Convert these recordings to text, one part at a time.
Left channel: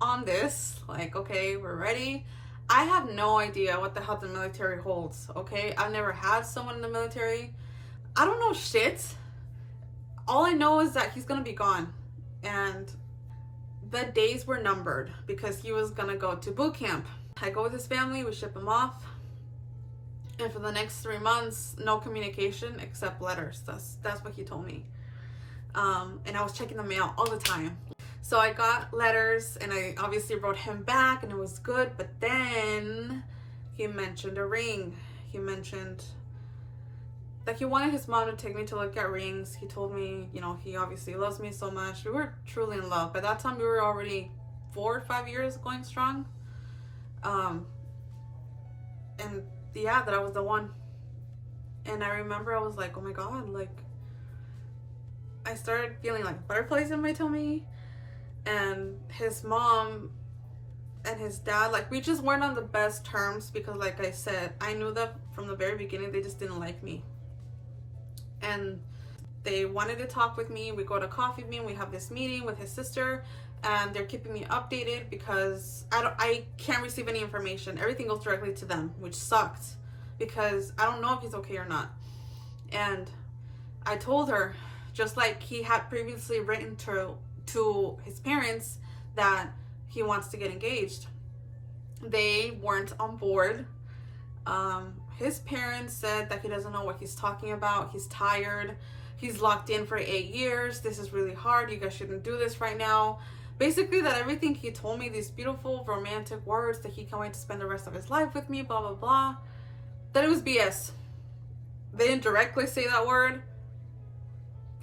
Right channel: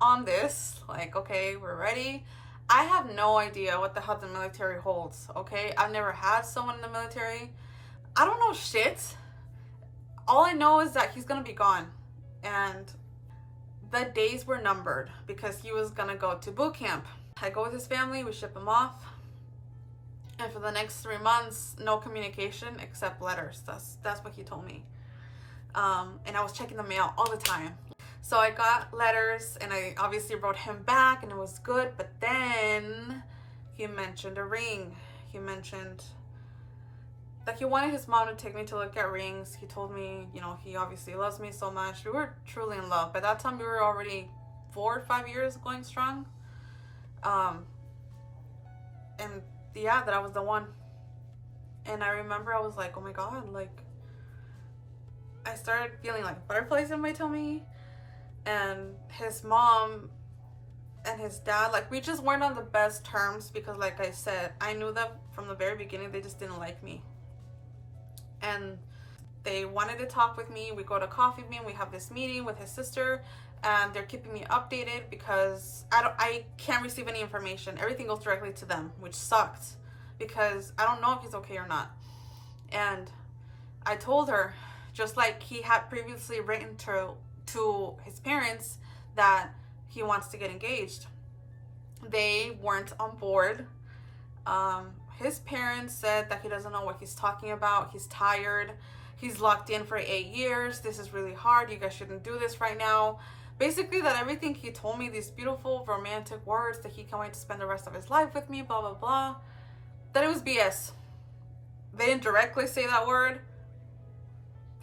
on this. Like, okay, we're ready. I have no idea what the hell the military holds, okay? I've never had someone in the military. I don't know shit. All I know is that he's gonna be gone. And the days were numbered because he was gonna go to boot camp. I go with his family, we ship him off. And for the next 3 months, no communication except letters. That's what he told me. And I was checking the mail all the time. So I got letters and I obviously wrote him back and it was good. But then he mentioned a ring. He mentioned that he wanted his mom to take me to look at rings. He told me, you know, he obviously loves me so much. We were truly in love. By that time, we were already 4 or 5 years going strong. And yeah, that I was the one. And I remember I was like, oh my God, like, I started feeling like butterflies in my tummy. And his mom and his dad, like, we just weren't on the best terms because, like I said, I knew that from the very beginning they just didn't like me. And they wanted to talk with me. We go to coffee bean, we have this meeting with his sister, and they're keeping me updated because I can't receive any information. Everything goes directly to them, which sucked because I don't know if he's okay or not. And I told her, just like he had previously written to his parents, that he wants to get engaged. They weren't on board. His parents said that he doesn't know what he's talking about. He's tired. He's locked in for 8 years. This is really hard. You guys shouldn't do this right now. Basically, that everything he told me, these beautiful romantic words that he can't wait to spend the rest of his life with me, blah, blah, blah, that it was BS. They didn't directly say that word.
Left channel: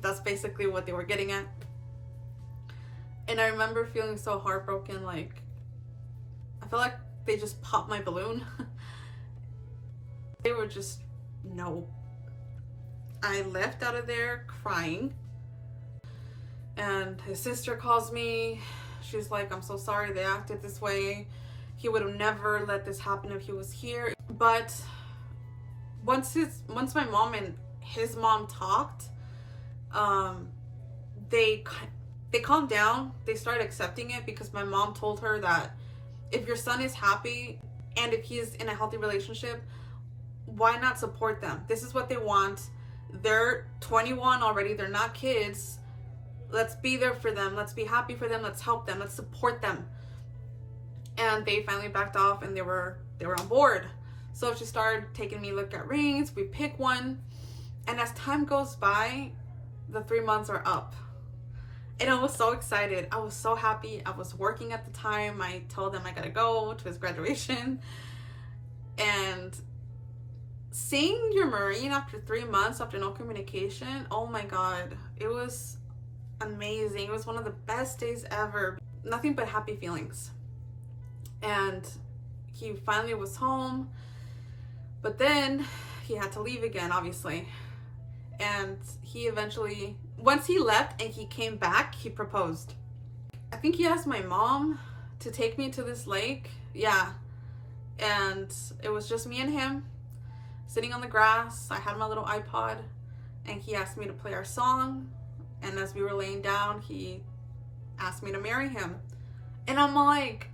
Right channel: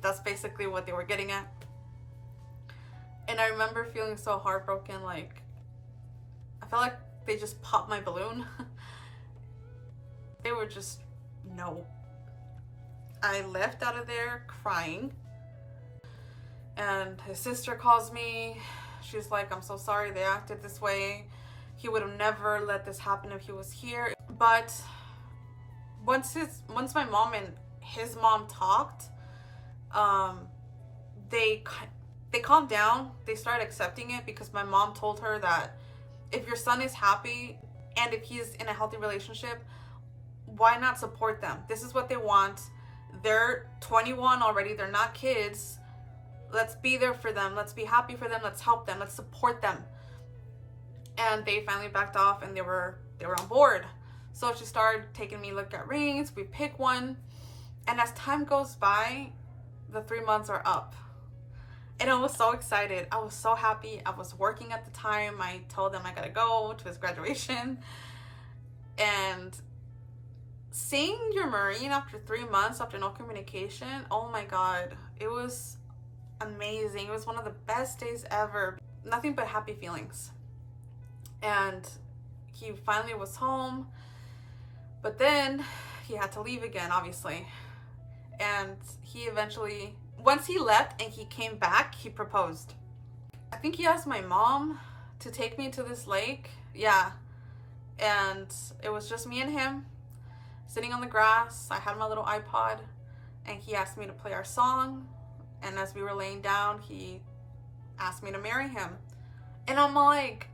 That's basically what they were getting at. And I remember feeling so heartbroken. Like, I felt like they just popped my balloon. They were just, no. I left out of there crying. And his sister calls me. She's like, I'm so sorry they acted this way. He would have never let this happen if he was here. But once my mom and his mom talked, they calmed down. They started accepting it because my mom told her that if your son is happy and if he's in a healthy relationship, why not support them? This is what they want. They're 21 already. They're not kids. Let's be there for them. Let's be happy for them. Let's help them. Let's support them. And they finally backed off and they were on board. So she started taking me look at rings. We pick one. And as time goes by, the 3 months are up. And I was so excited. I was so happy. I was working at the time. I told them I gotta go to his graduation. And seeing your Marine after 3 months, after no communication, oh my God, it was amazing. It was one of the best days ever. Nothing but happy feelings. And he finally was home. But then he had to leave again, obviously. And he eventually, once he left and he came back, he proposed. I think he asked my mom to take me to this lake. Yeah. And it was just me and him sitting on the grass. I had my little iPod and he asked me to play our song. And as we were laying down, he asked me to marry him. And I'm like,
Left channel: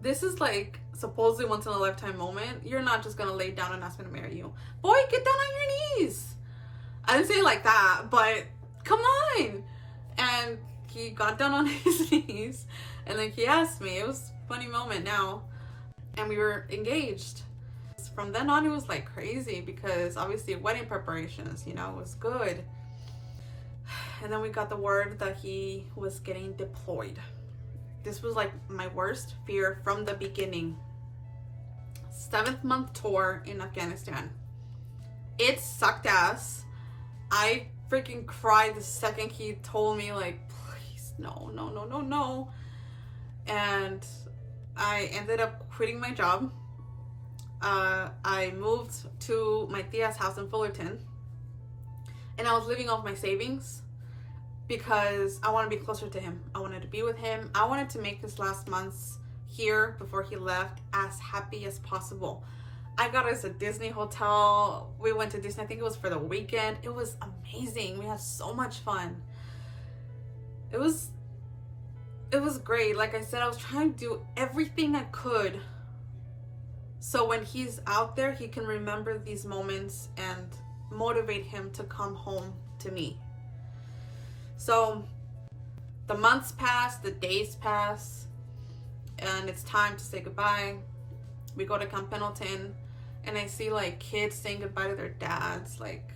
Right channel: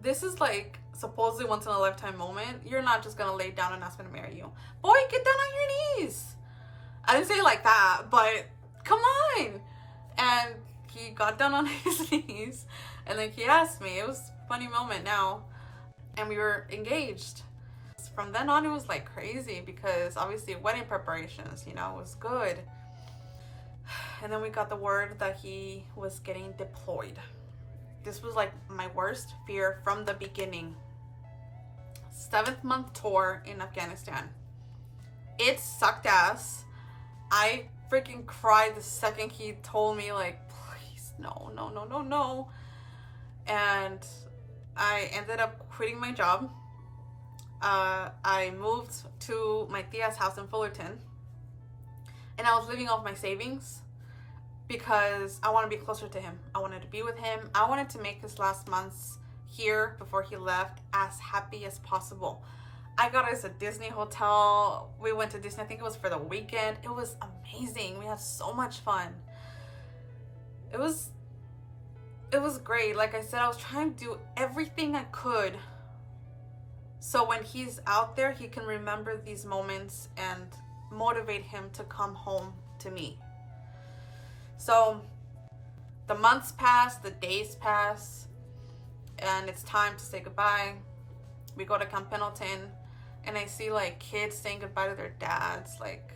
this is like supposedly once in a lifetime moment. You're not just gonna lay down and ask me to marry you. Boy, get down on your knees. I didn't say it like that, but come on. And he got down on his knees and then he asked me. It was a funny moment now. And we were engaged. From then on, it was like crazy because obviously wedding preparations, you know, was good. And then we got the word that he was getting deployed. This was like my worst fear from the beginning. 7th month tour in Afghanistan. It sucked ass. I freaking cried the second he told me, like, please, no, no, no, no, no. And I ended up quitting my job. I moved to my tia's house in Fullerton. And I was living off my savings because I want to be closer to him. I wanted to be with him. I wanted to make his last months here before he left as happy as possible. I got us a Disney hotel. We went to Disney, I think it was for the weekend. It was amazing. We had so much fun. It was it was great. Like I said, I was trying to do everything I could so when he's out there, he can remember these moments and motivate him to come home to me. So the months pass, the days pass, and it's time to say goodbye. We go to Camp Pendleton, and I see like kids saying goodbye to their dads, like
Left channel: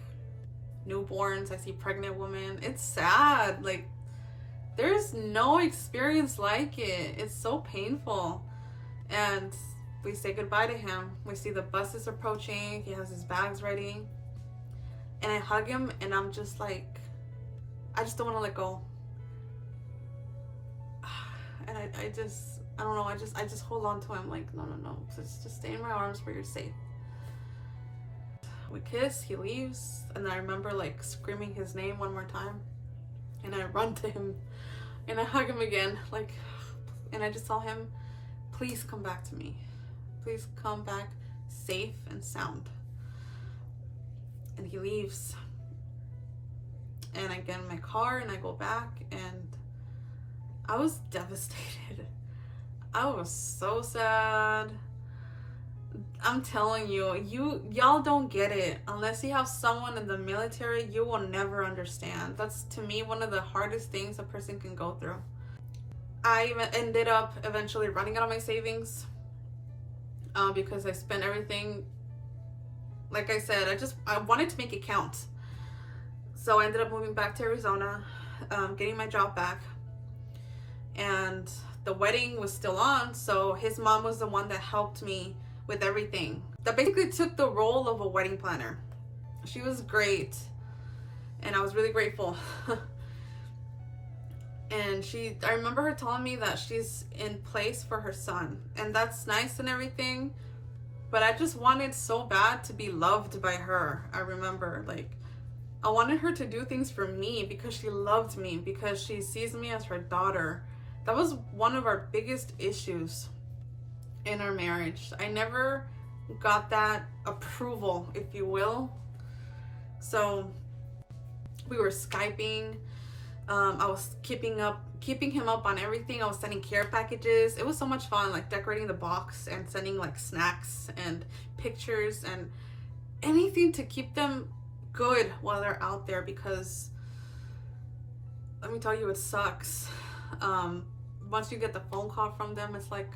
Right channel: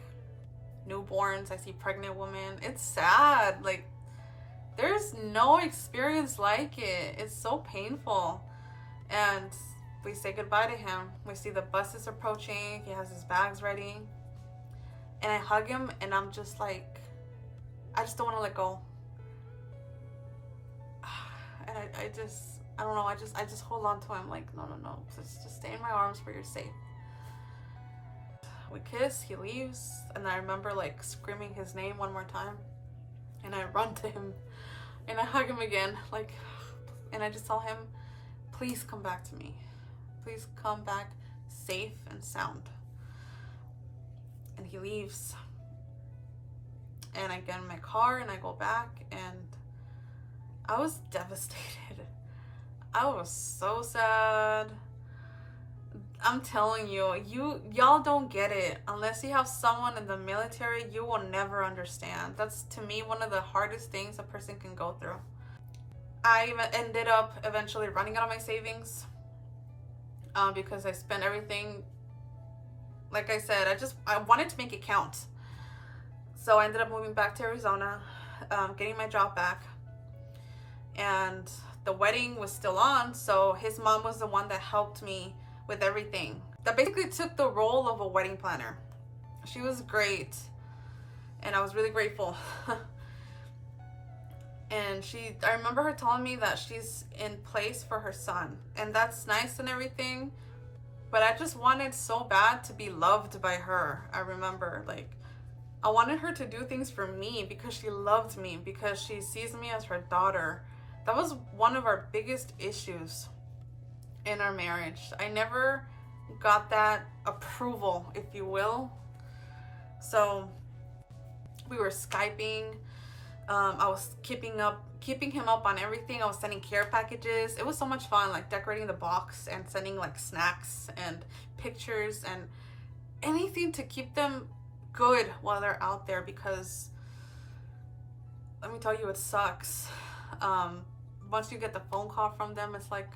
newborns. I see pregnant women. It's sad. Like, there's no experience like it. It's so painful. And we say goodbye to him. We see the buses approaching. He has his bags ready. And I hug him, and I'm just like, I just don't want to let go. And I don't know, I just hold on to him like, no, just stay in my arms for your sake. We kiss, he leaves, and I remember like screaming his name one more time, and I run to him, and I hug him again, like, and I just tell him, please come back to me. Please come back safe and sound. And he leaves. And I get in my car and I go back, and I was devastated. I was so sad. I'm telling you, y'all don't get it. Unless you have someone in the military, you will never understand. That's, to me, one of the hardest things a person can go through. I ended up eventually running out of my savings because I spent everything. Like I said, I wanted to make it count. So I ended up moving back to Arizona, getting my job back. And the wedding was still on, so his mom was the one that helped me with everything. That basically took the role of a wedding planner. She was great, and I was really grateful. And I remember her telling me that she's in place for her son, and that's nice and everything, but I just wanted so bad to be loved by her. I remember, like, I wanted her to do things for me because she loved me, because she sees me as her daughter. That was one of our biggest issues in our marriage. I never got that approval, if you will. So we were Skyping. I was keeping him up on everything. I was sending care packages. It was so much fun, like decorating the box and sending like snacks and pictures and anything to keep them good while they're out there, because let me tell you, it sucks. Once you get the phone call from them, it's like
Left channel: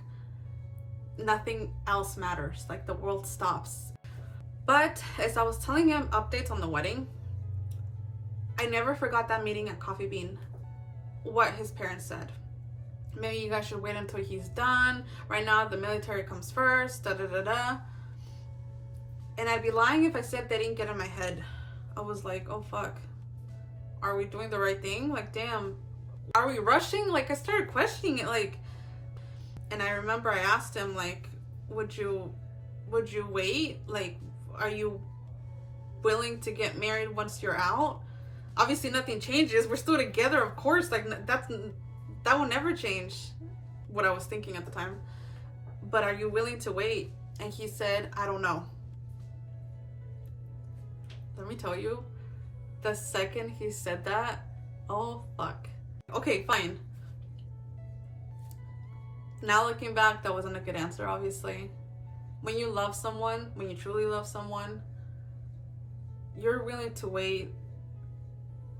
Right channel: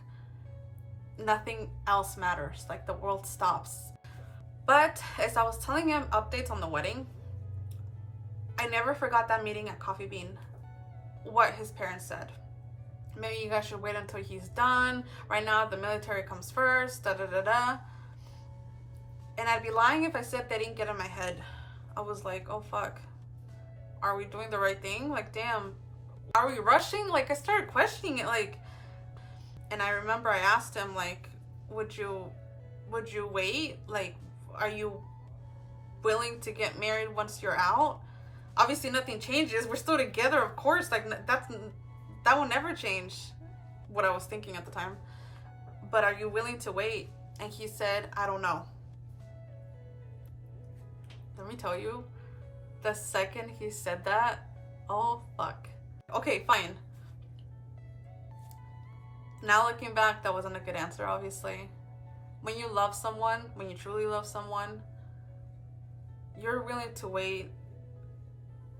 nothing else matters. Like, the world stops. But as I was telling him updates on the wedding, I never forgot that meeting at Coffee Bean, what his parents said. Maybe you guys should wait until he's done. Right now, the military comes first, da-da-da-da. And I'd be lying if I said they didn't get in my head. I was like, oh, fuck. Are we doing the right thing? Like, damn. Are we rushing? Like, I started questioning it, like, and I remember I asked him, like, would you wait? Like, are you willing to get married once you're out? Obviously, nothing changes. We're still together, of course. Like, that will never change what I was thinking at the time. But are you willing to wait? And he said, I don't know. Let me tell you, the second he said that, oh, fuck. Okay, fine. Now looking back, that wasn't a good answer, obviously. When you love someone, when you truly love someone, you're willing to wait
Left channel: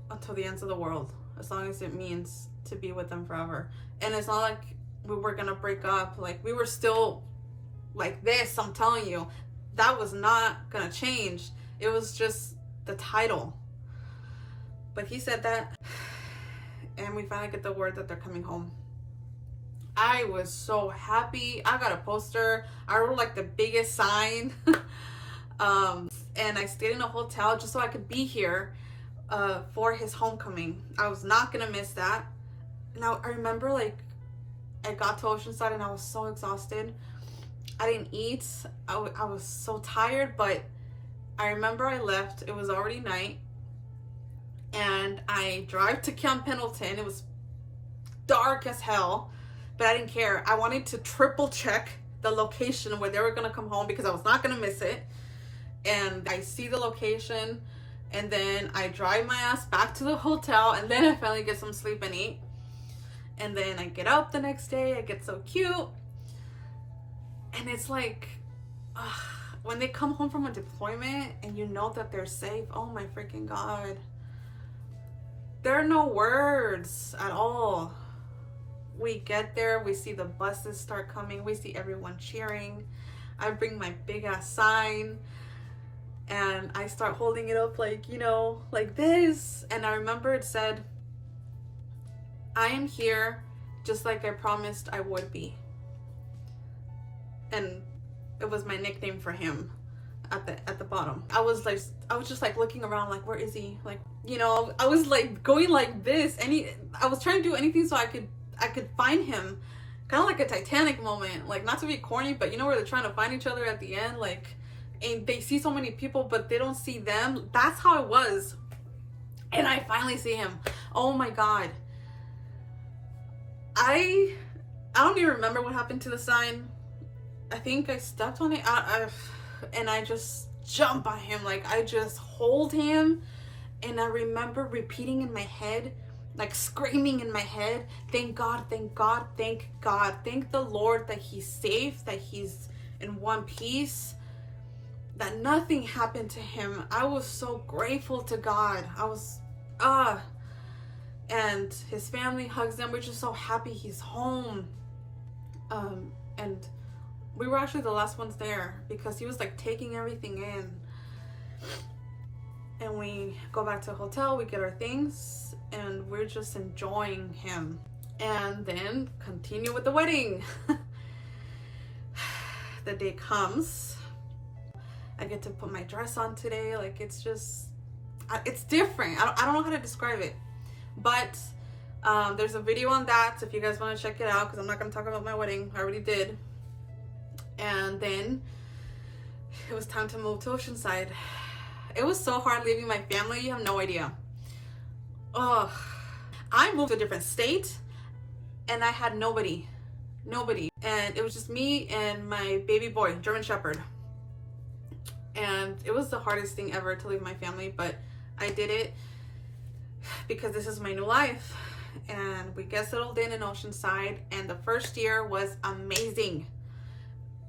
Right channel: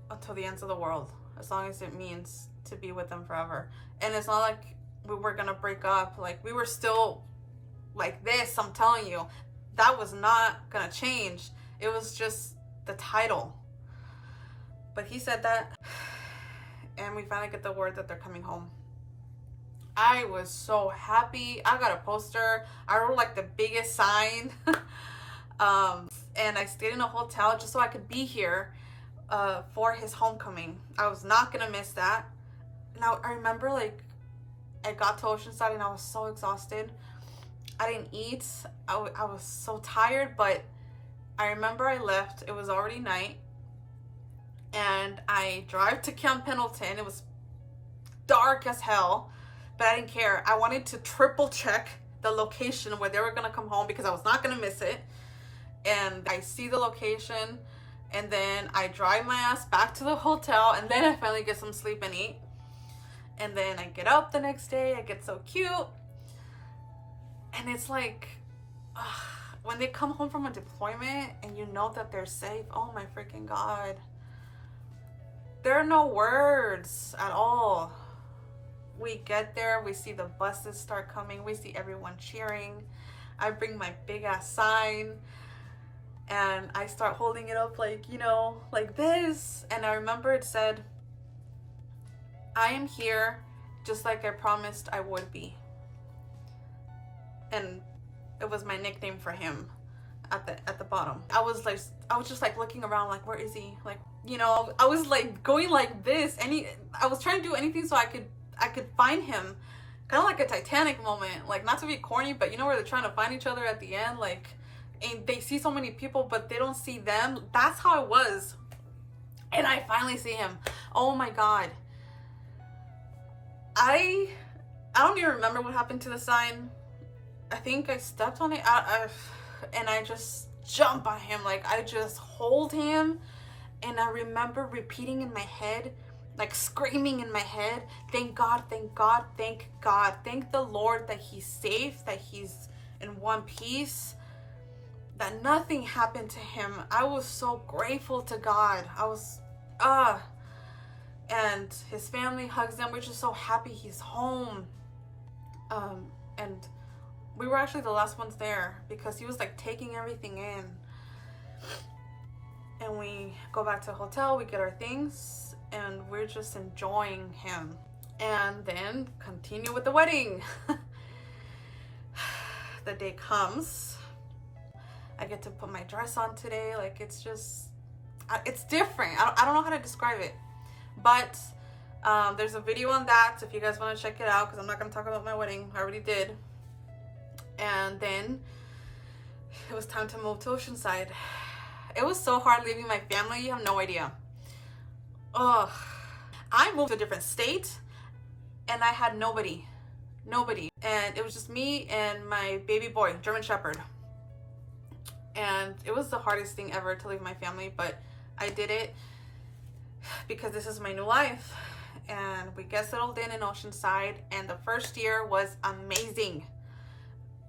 until the ends of the world, as long as it means to be with them forever. And it's not like we were gonna break up. Like, we were still like this, I'm telling you. That was not gonna change. It was just the title. But he said that, and we finally get the word that they're coming home. I was so happy. I got a poster. I wrote like the biggest sign. And I stayed in a hotel just so I could be here for his homecoming. I was not gonna miss that. Now, I remember, like, I got to Oceanside and I was so exhausted. I didn't eat. I was so tired, but I remember I left. It was already night. And I drive to Camp Pendleton. It was dark as hell, but I didn't care. I wanted to triple check the location where they were going to come home because I was not going to miss it. And I see the location, and then I drive my ass back to the hotel, and then I finally get some sleep and eat. And then I get up the next day, I get so cute. And it's like, when they come home from a deployment and you know that they're safe, oh my freaking God. There are no words at all. We get there, we see the buses start coming, we see everyone cheering. I bring my big ass sign and I start holding it up like, you know, like this. And I remember it said, I am here just like I promised I would be. And it was my nickname for him at the bottom. I was just like looking around like, where is he? Like, you know, I was like going like this. I was trying to do anything so I could find him. Kind of like a Titanic moment, like not to be corny, but you know where they're trying to find each other at the end, like, and they see so many people but they don't see them. That's how it was. And I finally see him. Oh my God. I don't even remember what happened to the sign. I think I stepped on it and I just jump on him. Like, I just hold him, and I remember repeating in my head, like screaming in my head, thank God, thank God, thank God, thank the Lord that he's safe, that he's in one piece, that nothing happened to him. I was so grateful to God. I was and his family hugs him. We're just so happy he's home. And we were actually the last ones there because he was like taking everything in. And we go back to the hotel, we get our things, and we're just enjoying him. And then continue with the wedding. The day comes. I get to put my dress on today. Like, it's just, it's different. I don't know how to describe it. But there's a video on that if you guys want to check it out, because I'm not going to talk about my wedding. I already did. And then it was time to move to Oceanside. It was so hard leaving my family. You have no idea. I moved to a different state and I had nobody. And it was just me and my baby boy, German Shepherd. And it was the hardest thing ever to leave my family, but I did it because this is my new life. And we get settled in Oceanside, and the first year was amazing.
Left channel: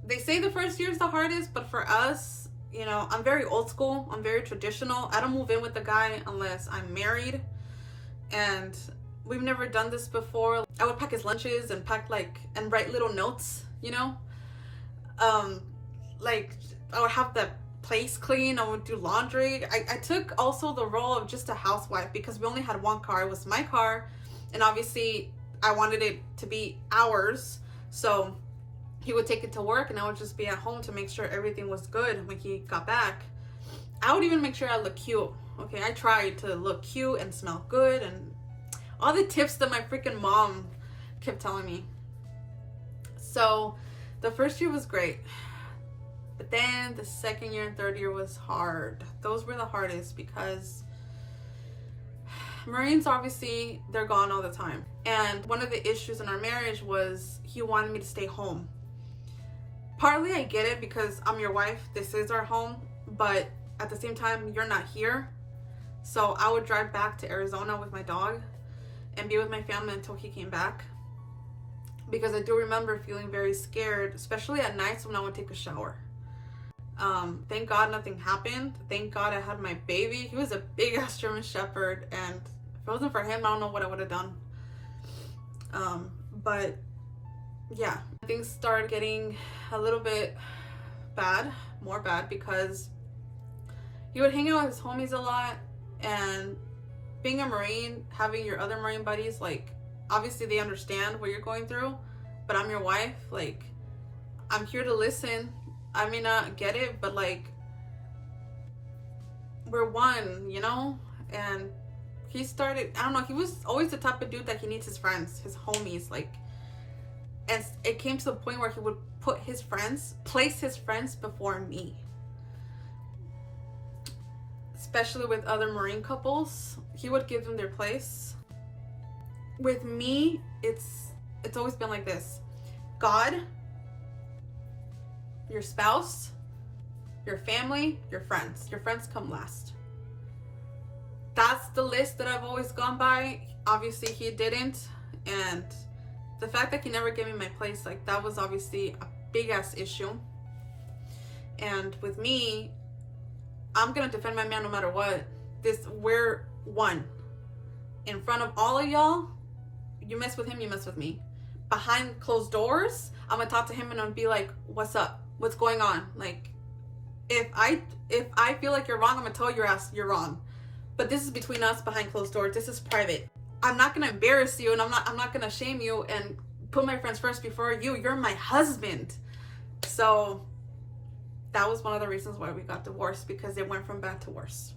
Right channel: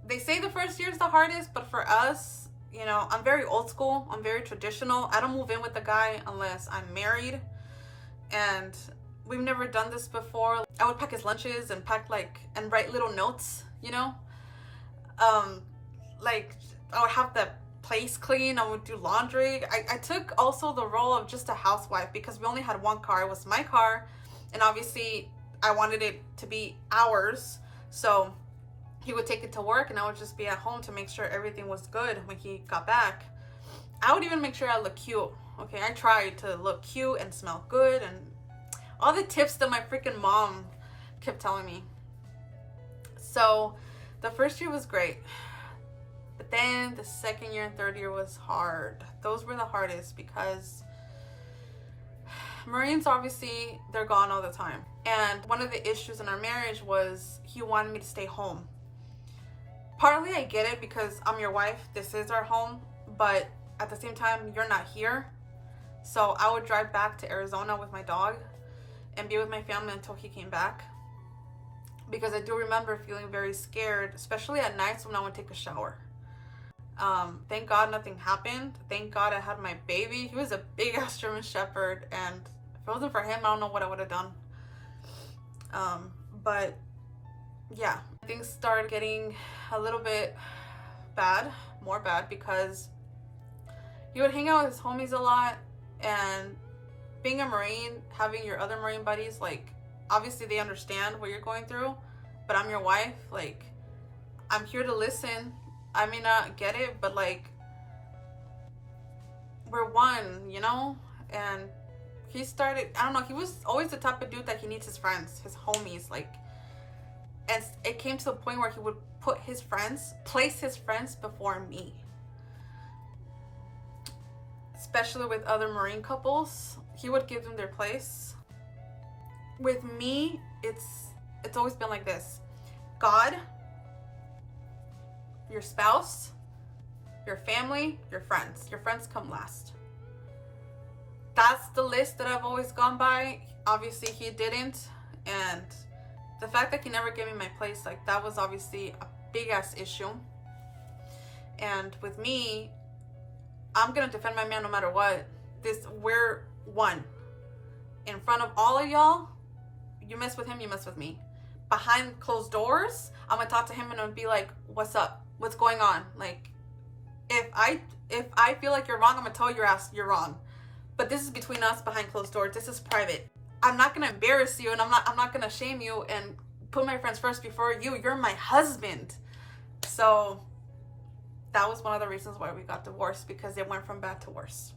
They say the first year is the hardest, but for us, you know, I'm very old school. I'm very traditional. I don't move in with the guy unless I'm married. And we've never done this before. I would pack his lunches and and write little notes, you know? Like, I would have the place clean. I would do laundry. I took also the role of just a housewife because we only had one car. It was my car. And obviously, I wanted it to be ours. So he would take it to work and I would just be at home to make sure everything was good when he got back. I would even make sure I look cute. Okay, I tried to look cute and smell good and all the tips that my freaking mom kept telling me. So the first year was great. But then the second year and third year was hard. Those were the hardest because Marines, obviously, they're gone all the time. And one of the issues in our marriage was he wanted me to stay home. Partly I get it because I'm your wife. This is our home. But at the same time, you're not here. So I would drive back to Arizona with my dog and be with my family until he came back. Because I do remember feeling very scared, especially at nights when I would take a shower. Thank God nothing happened. Thank God I had my baby. He was a big ass German Shepherd, and if it wasn't for him, I don't know what I would have done. But yeah, things started getting a little bit bad, more bad, because he would hang out with his homies a lot, and being a Marine, having your other Marine buddies, like, obviously they understand what you're going through, but I'm your wife, like, I'm here to listen. I may not get it, but like, we're one, you know? And he started, I don't know, he was always the type of dude that he needs his friends, his homies, like, and it came to the point where he would place his friends before me. Especially with other Marine couples, he would give them their place. With me, it's always been like this. God, your spouse, your family, your friends. Your friends come last. That's the list that I've always gone by. Obviously, he didn't. And the fact that he never gave me my place, like, that was obviously a big ass issue. And with me, I'm gonna defend my man no matter what. We're one. In front of all of y'all, you mess with him, you mess with me. Behind closed doors, I'm gonna talk to him and I'm gonna be like, what's up? What's going on? Like, if I feel like you're wrong, I'm gonna tell your ass you're wrong. But this is between us, behind closed doors. This is private. I'm not gonna embarrass you, and I'm not gonna shame you and put my friends first before you. You're my husband. So that was one of the reasons why we got divorced, because it went from bad to worse.